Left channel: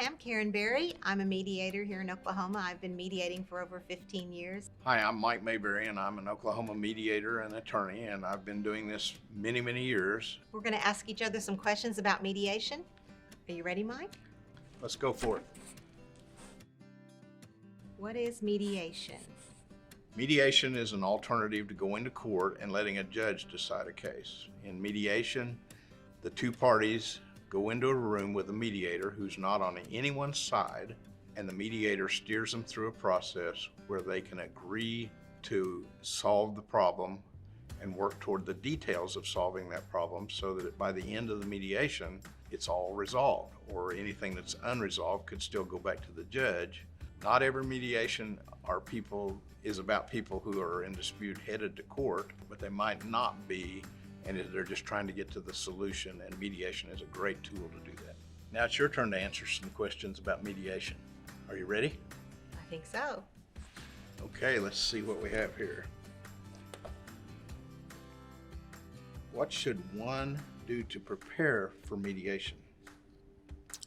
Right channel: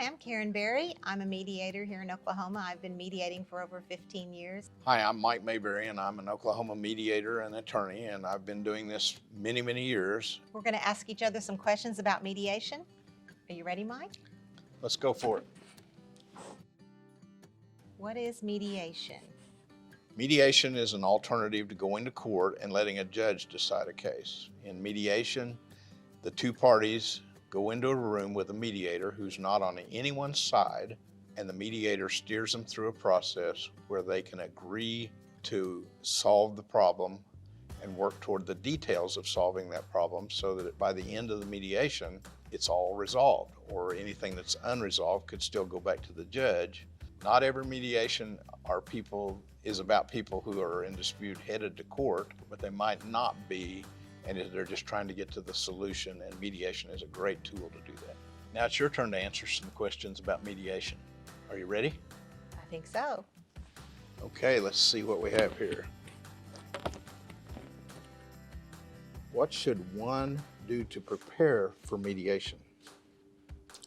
Hi, I'm Karen Berry. I'm a mediator here in Oklahoma. I've been mediating for over 15 years. Hi, I'm Mike Mayberry, and I'm an Oklahoma mediator and attorney, and I've been doing this many, many years. We're going to ask each other some questions about mediation. Are you ready, Mike? Let's go for it. What is mediation? Mediation is an alternative to going to court and letting a judge decide a case. In mediation, the two parties go into a room with a mediator who's not on anyone's side, and the mediator steers them through a process where they can agree to solve the problem and work toward the details of solving that problem so that by the end of the mediation, it's all resolved, or anything that's unresolved could still go back to the judge. Not every mediation is about people who are in dispute headed to court, but they might not be, and they're just trying to get to the solution, and mediation is a great tool to do that. Now it's your turn to answer some questions about mediation. Are you ready? I think so. Okay, let's see what we have here. What should one do to prepare for mediation?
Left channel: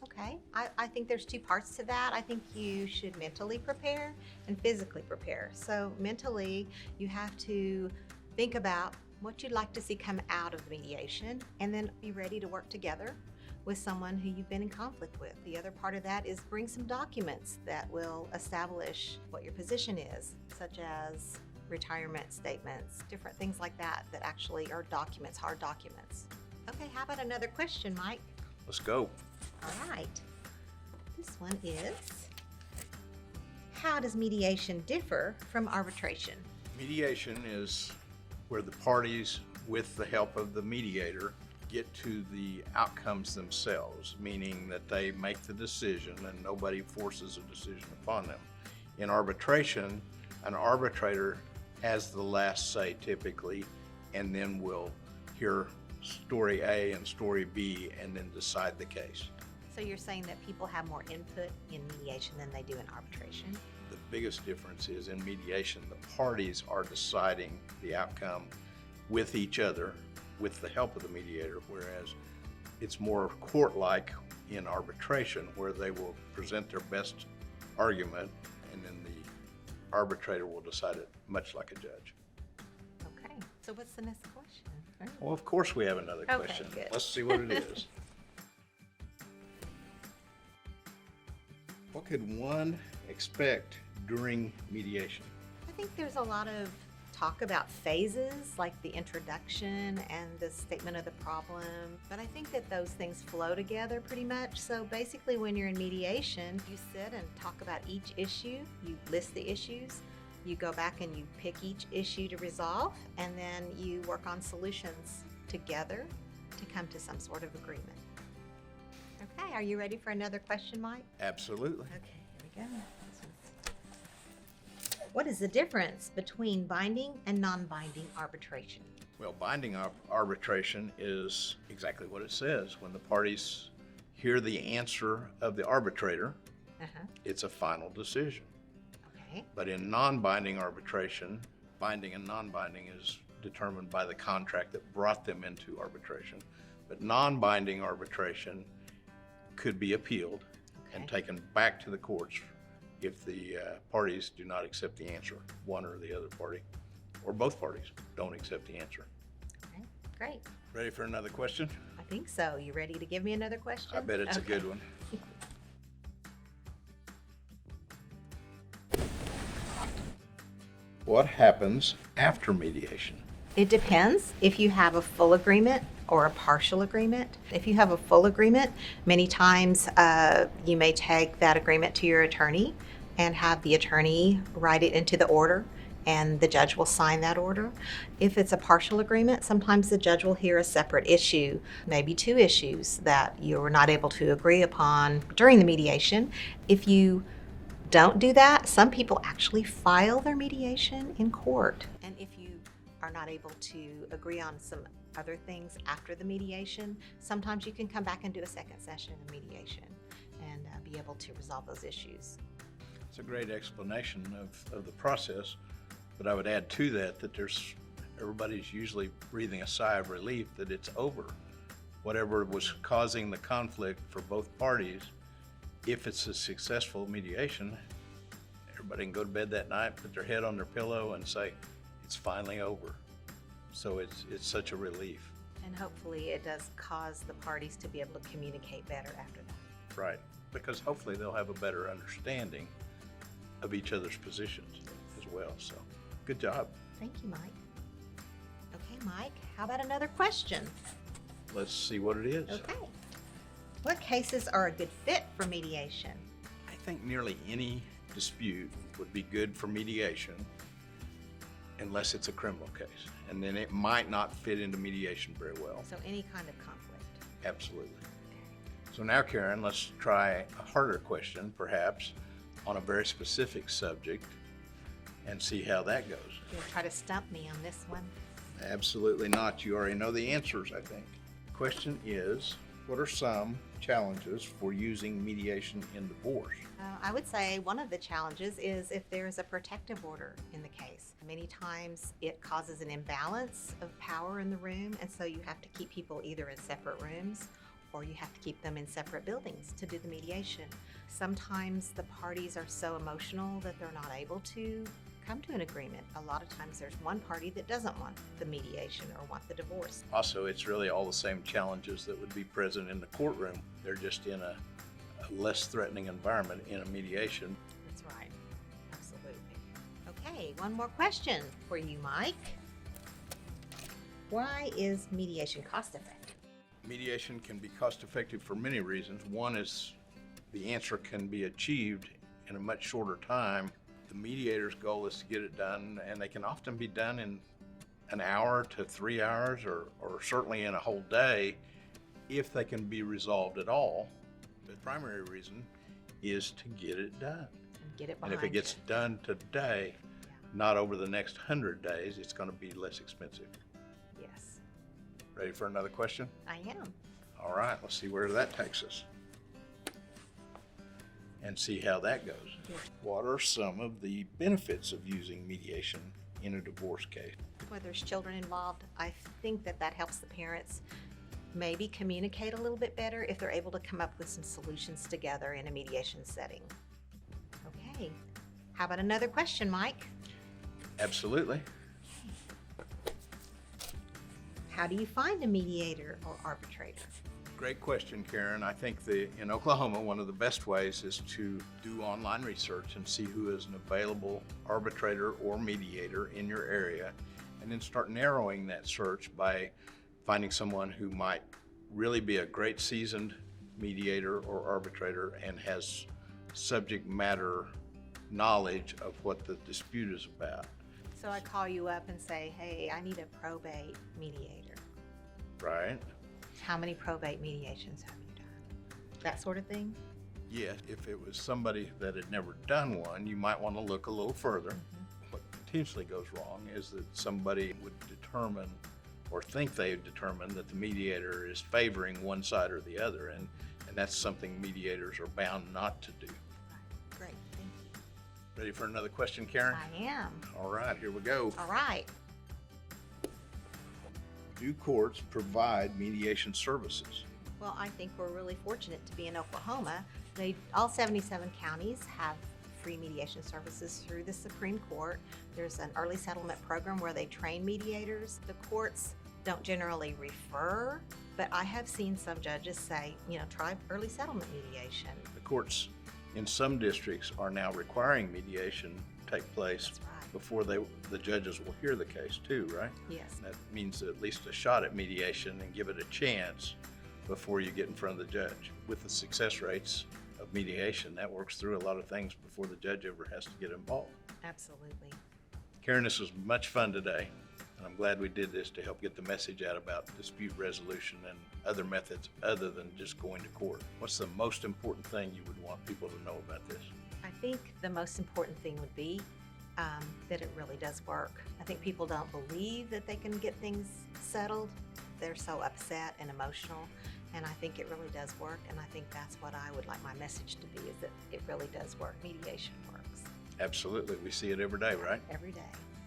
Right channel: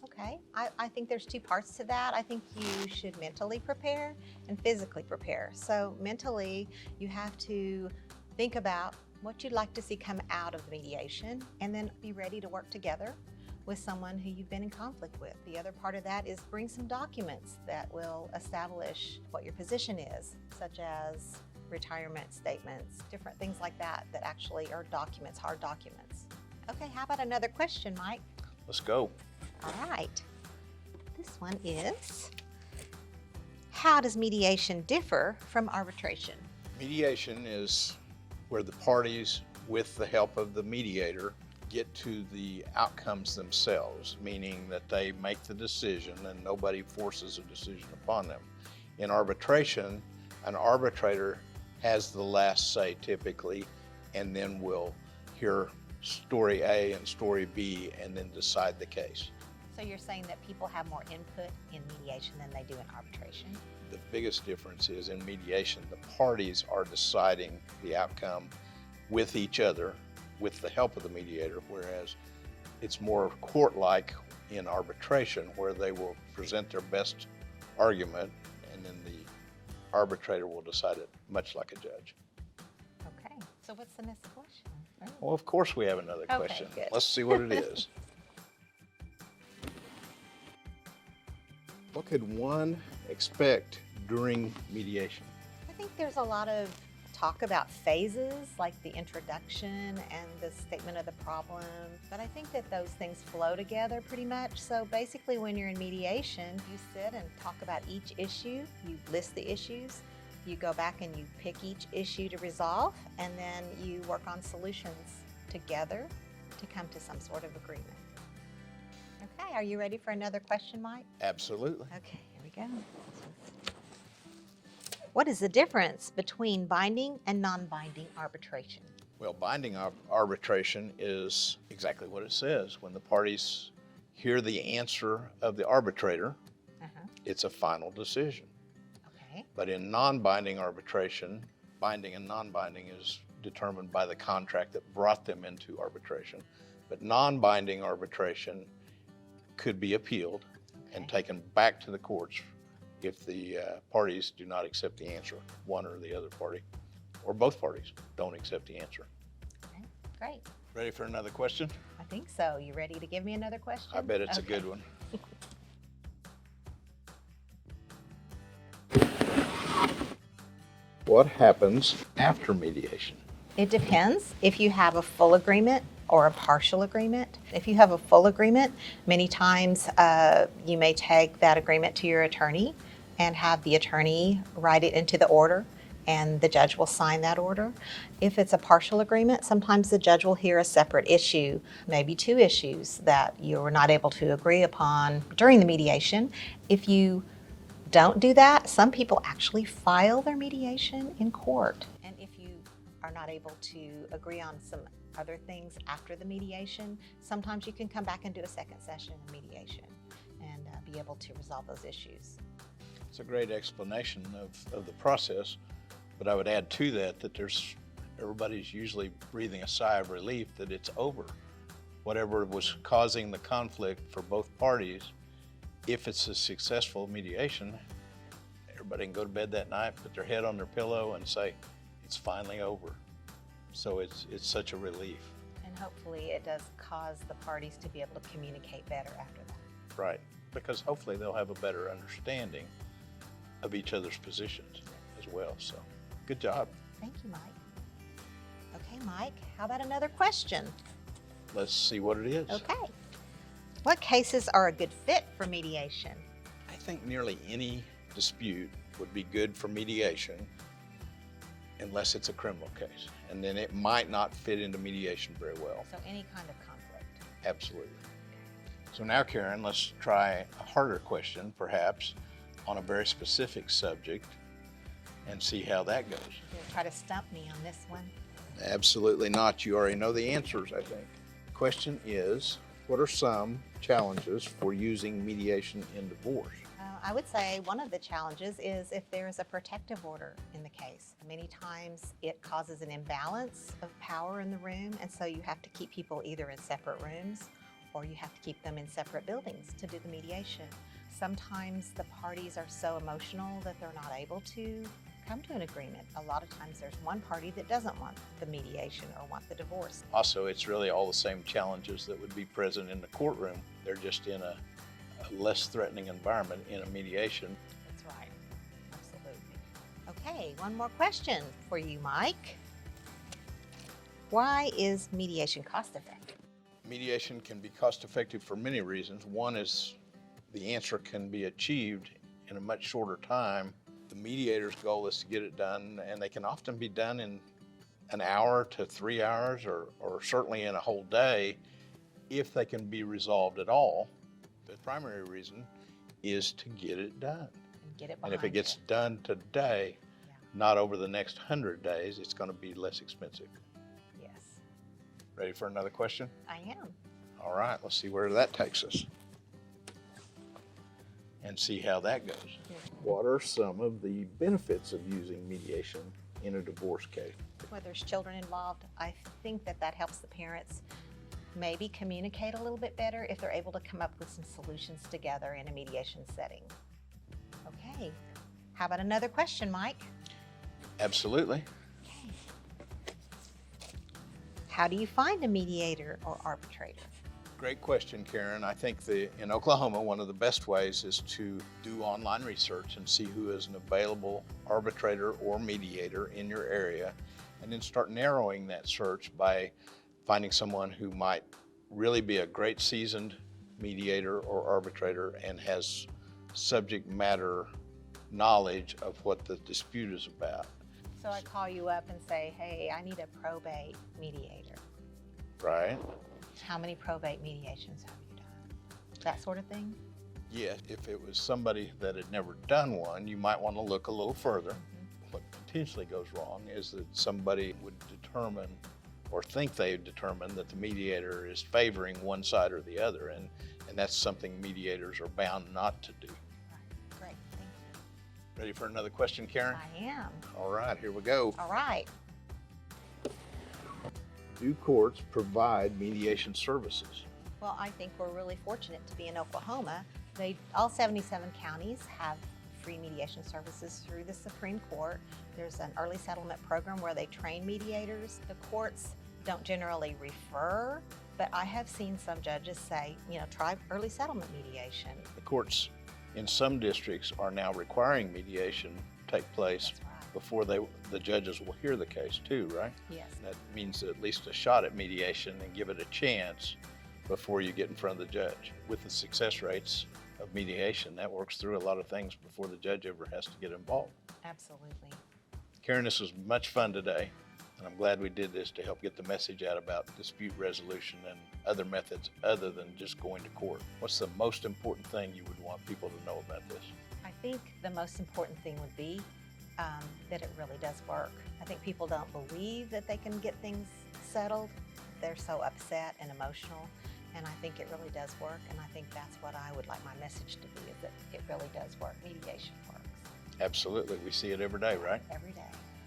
Okay, I think there's two parts to that. I think you should mentally prepare and physically prepare. So mentally, you have to think about what you'd like to see come out of mediation, and then be ready to work together with someone who you've been in conflict with. The other part of that is bring some documents that will establish what your position is, such as retirement statements, different things like that that actually are documents, hard documents. Okay, how about another question, Mike? Let's go. All right. This one is, how does mediation differ from arbitration? Mediation is where the parties, with the help of the mediator, get to the outcomes themselves, meaning that they make the decision and nobody forces a decision upon them. In arbitration, an arbitrator has the last say typically, and then will hear story A and story B and then decide the case. So you're saying that people have more input in mediation than they do in arbitration? The biggest difference is in mediation, the parties are deciding the outcome with each other, with the help of the mediator, whereas it's more court-like in arbitration, where they will present their best argument and then the arbitrator will decide it, much like a judge. Okay, so what's the next question? Well, of course we have another Okay, question. good. Let's see what it is. What could one expect during mediation? I think there's a lot of talk about phases, like the introduction and the statement of the problem, but I think that those things flow together pretty much. So basically, when you're in mediation, you sit and talk about each issue, you list the issues, you go back and you pick each issue to resolve, and then you work on solutions together to come to some sort of agreement. Okay, are you ready for another question, Mike? Absolutely. Okay, here we go. What is the difference between binding and non-binding arbitration? Well, binding arbitration is exactly what it says. When the parties hear the answer of the arbitrator, it's a final decision. Okay. But in non-binding arbitration, binding and non-binding is determined by the contract that brought them into arbitration. But non-binding arbitration could be appealed and taken back to the courts if the parties do not accept the answer, one or the other party, or both parties don't accept the answer. Okay, great. Ready for another question? I think so. You ready to give me another question? I bet it's Okay. a good one. What happens after mediation? It depends if you have a full agreement or a partial agreement. If you have a full agreement, many times you may take that agreement to your attorney and have the attorney write it into the order, and the judge will sign that order. If it's a partial agreement, sometimes the judge will hear a separate issue, maybe two issues that you were not able to agree upon during the mediation. If you don't do that, some people actually file their mediation in court. And if you are not able to agree on some other things after the mediation, sometimes you can come back and do a second session of mediation and be able to resolve those issues. It's a great explanation of the process, but I would add to that everybody's usually breathing a sigh of relief that it's over. Whatever was causing the conflict for both parties if it's a successful mediation, everybody can go to bed that night, put their head on their pillow and say, it's finally over. So it's such a relief. And hopefully it does cause the parties to be able to communicate better after that. Right, because hopefully they'll have a better understanding of each other's positions as well. So good job. Thank you, Mike. Okay, Mike, how about another question? Let's see what it is. Okay. What cases are a good fit for mediation? I think nearly any dispute would be good for mediation unless it's a criminal case. And then it might not fit into mediation very well. So any kind of conflict. Absolutely. So now, Karen, let's try a harder question, perhaps, on a very specific subject and see how that goes. You'll try to stump me on this one. Absolutely not. You already know the answers, I think. Question is, what are some challenges for using mediation in divorce? I would say one of the challenges is if there is a protective order in the case. Many times it causes an imbalance of power in the room, and so you have to keep people either in separate rooms or you have to keep them in separate buildings to do the mediation. Sometimes the parties are so emotional that they're not able to come to an agreement. A lot of times there's one party that doesn't want the mediation or want the divorce. Also, it's really all the same challenges that would be present in the courtroom. They're just in a less threatening environment in a mediation. That's right. Absolutely. Okay, one more question for you, Mike. Why is mediation cost effective? Mediation can be cost effective for many reasons. One is the answer can be achieved in a much shorter time. The mediator's goal is to get it done, and they can often be done in an hour to 3 hours or certainly in a whole day if they can be resolved at all. The primary reason is to get it done. Get it And if behind it gets you. done today, not over the next 100 days, it's going to be less expensive. Yes, Ready for another question? I am. All right, let's see where that takes us and see how that goes. What are some of the benefits of using mediation in a divorce case? Where there's children involved, I think that helps the parents maybe communicate a little bit better if they're able to come up with some solutions together in a mediation setting. Okay, how about another question, Mike? Absolutely. How do you find a mediator or arbitrator? Great question, Karen. I think in Oklahoma, one of the best ways is to do online research and see who is an available arbitrator or mediator in your area, and then start narrowing that search by finding someone who might really be a great seasoned mediator or arbitrator and has subject matter knowledge of what the dispute is about. So I call you up and say, hey, I need a probate mediator. Right? How many probate mediations have you done? That sort of thing? Yes, if it was somebody that had never done one, you might want to look a little further. What potentially goes wrong is that somebody would determine or think they've determined that the mediator is favoring one side or the other, and that's something mediators are bound not to do. Great, thank you. Ready for another question, Karen? I am. All right, here we go. All right. Do courts provide mediation services? Well, I think we're really fortunate to be in Oklahoma. All 77 counties have free mediation services through the Supreme Court. There's an early settlement program where they train mediators. The courts don't generally refer, but I have seen some judges say, try early settlement mediation. The courts in some districts are now requiring mediation to take place That's right. before the judges will hear the case too, right? Yes. That means at least a shot at mediation and give it a chance before you get in front of the judge. With the success rates of mediation, that works through a lot of things before the judge ever has to get involved. Absolutely. Karen, this was much fun today, and I'm glad we did this to help get the message out about dispute resolution and other methods other than just going to court. What's the most important thing you would want people to know about this? I think the most important thing would be that it really does work. I think people don't believe that they can get things settled. They're so upset and emotional, and I think it really does work, and I think that's what I would like my message to be, is that it really does work. Mediation works. Absolutely. We see it every day, right? Every day.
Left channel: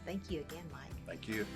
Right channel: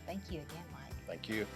Thank you again, Mike. Thank you.